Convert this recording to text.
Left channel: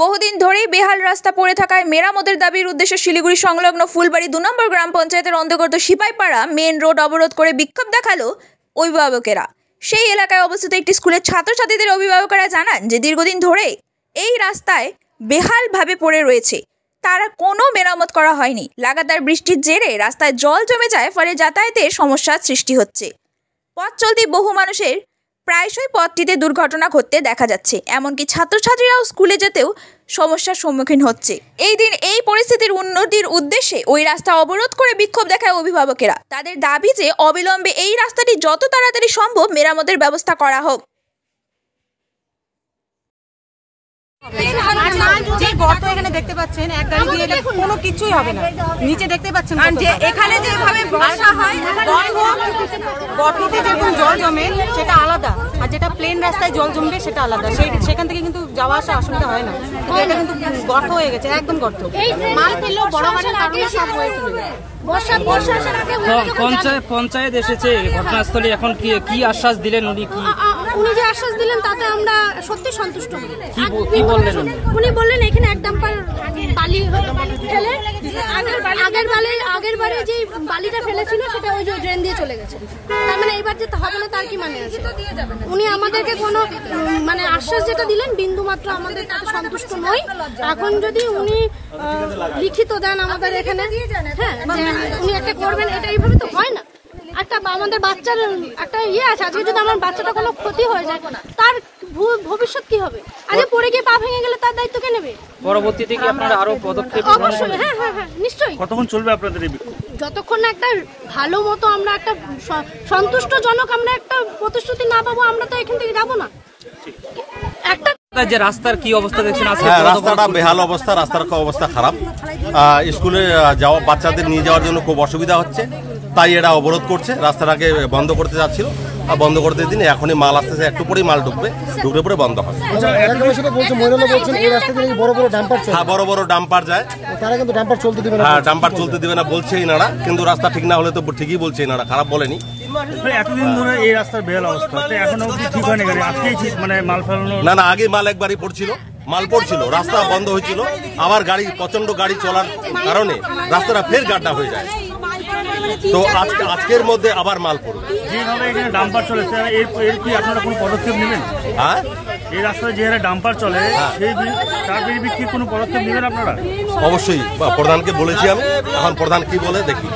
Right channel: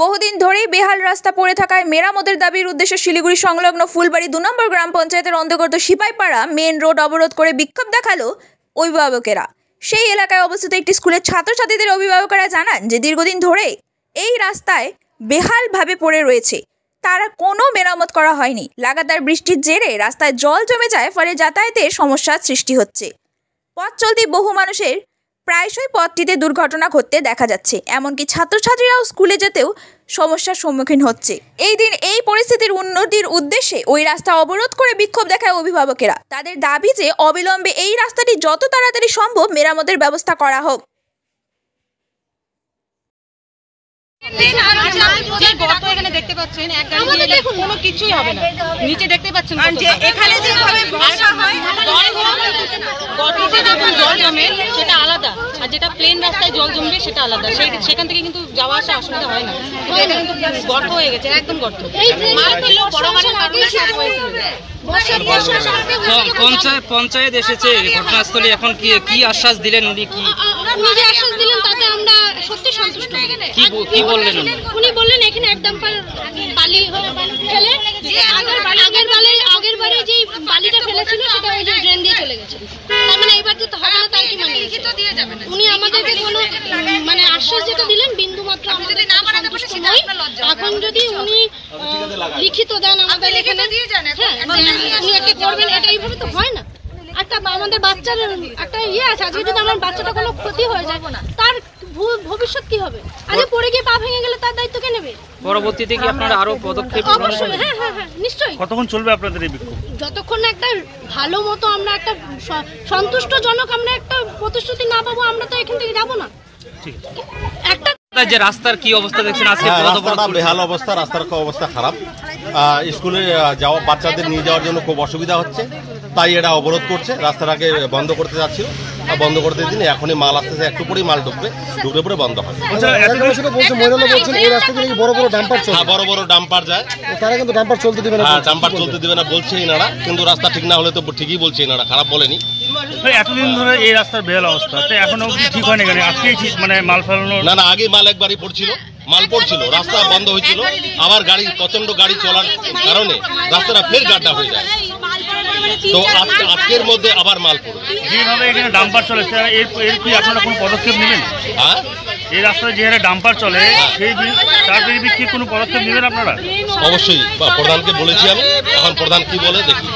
বহুদিন ধরেই বেহাল রাস্তা পড়ে থাকায় মেরামতের দাবির উদ্দেশ্যে শিলিগুড়ি সংলগ্ন ফুলবাড়ি 2 নম্বর গ্রাম পঞ্চায়েতের অন্তর্গত সিপাইপাড়া মেন রোড অবরোধ করে বিক্ষোভ দেখালো অভিভাবকেরা। সেই এলাকায় অবস্থিত একটি স্কুলের ছাত্রছাত্রীদের অভিভাবকেরা জানান যে দীর্ঘদিন ধরে এই রাস্তায় বেহালভাবে পড়ে রয়েছে, তারা কোনো মেরামত করা হয়নি। লাগাতার বৃষ্টির জেরে রাস্তায় জল জমে যায়, ফলে যাতায়াতের সমস্যার সৃষ্টি হচ্ছে। পথ চলতি বহু মানুষের প্রায়শই পথটিতে দুর্ঘটনা ঘটতে দেখা যাচ্ছে, এমনকি ছাত্রছাত্রীরাও স্কুলে যেতেও সমস্যার সম্মুখীন হচ্ছে। এই দিন এই পরিস্থিতির উন্নতির উদ্দেশ্যে ওই রাস্তা অবরোধ করে বিক্ষোভ দেখায় অভিভাবকেরা। তাদের দাবি যে অবিলম্বে এই রাস্তাটি যত তাড়াতাড়ি সম্ভব মেরামতের ব্যবস্থা করা হোক। যে গর্ত এখানে দেখতে পাচ্ছেন, এক গাড়ি দিয়ে কোনো কিছুই হবে না। নিচে দেখতে পাচ্ছেন এখানে যেভাবে গর্ততে যখন জল জমে সেটা আলাদা, আর যেটা প্লেন রাস্তায় জল জমবে সেটা আলাদা। সেখান থেকে কিন্তু যাওয়া আসা অসুবিধা হয় না, কিন্তু এটা কিন্তু গর্ত হয়ে গেছে, একদম গর্ত। পঞ্চায়েত এসেছে ঘটনাস্থলে, এখন কি আশ্বাস দিলেন উনি? উনি যে আশ্বাস দিলেন তাতে আমরা সত্যি সন্তুষ্ট। কি বললেন উনি? বললেন এখানে এক ডাম্পার বালি ফেলে আগের বারে যে বালিটা ফেলেছিল সেটা ওই যে ড্রেন দিয়ে চলে গেছে। তার মানে এবার যেতে হবে না, তার কি মানে আছে? উনি আমাদেরকে কোনো মানে আশ্বাস যেটা দিলেন বিন্দু মাত্র আমাদের সন্তুষ্ট নই। এখন যদি উনি লিখিত দেন আমাদের এখানে, হ্যাঁ উনি একটা করবেন, এটা এইভাবে তো হয় না। একটা আমাদের বাচ্চার একটা আছে, আজকে যদি আমার বাচ্চাটা কোনো ক্ষতি হয়ে যায় তার ভবিষ্যৎ কি হবে? আজকে পড়ে গিয়ে পা ভেঙে গেলে তার দায়িত্ব কে নেবে? পরবর্তীতে কি আপনারা আরো পদক্ষেপ? অবশ্যই, হ্যাঁ নিশ্চয়ই। কতক্ষণ চলবে আপনাদের এই বিক্ষোভ? যতক্ষণ না একটা ভালো মতো আমরা একটা সন্তুষ্টজনক আমরা একটা প্রতিশ্রুতি না পাবো, আমরা তো এখান থেকে যাবো না। একটা যে রাস্তার কি অবস্থা দেখছেন আজকে? রাস্তাটা বেহাল অবস্থা, রাস্তার অবস্থা খারাপ। স্কুলে যাওয়া বাচ্চাদের নিয়ে যাওয়ার জন্য খুব অসুবিধা হচ্ছে, তাই এরা অবরোধ করছে। রাস্তাটাকে বন্ধ করতে যাচ্ছিল, বন্ধ করতে দিন, এখনই মাল আসতেছে, একটু পরেই মাল ঢুকবে পরে বন্ধ হবে। হ্যাঁ, বড় বড় ডাম্পার যায়, হ্যাঁ ডাম্পার চলতে দিবে না বলছে এনারা, কিন্তু রাস্তা ঠিক না হলে তো ঠিকই বলছে এনারা, খারাপ বলেনি। এতদিন ধরে এই রাস্তার বেহাল অবস্থা, এখনো ঠিক হয়নি, আজকেই মানে মাল ফেলানো? না, আগে মাল একবারই মাল পড়ছিল, রাস্তা বন্ধ হয়েছিল, আবার প্রচন্ড গাড়ি চলার কারণে রাস্তাটা ফের গাড্ডা হয়ে যায়, তো আজকের মধ্যে আবার মাল পড়বে। যেভাবে এখানে ডাম্পার চলেছে, এর কি আপনারা কোনো পদক্ষেপ নেবেন? হ্যাঁ, এই রাস্তায় যে হারে ডাম্পার চলে তার বিরুদ্ধে কি কোনো পদক্ষেপ নেবেন আপনারা? অবশ্যই প্রধানকে বলেছি আমি, এখন প্রধান কি বলে দেখি।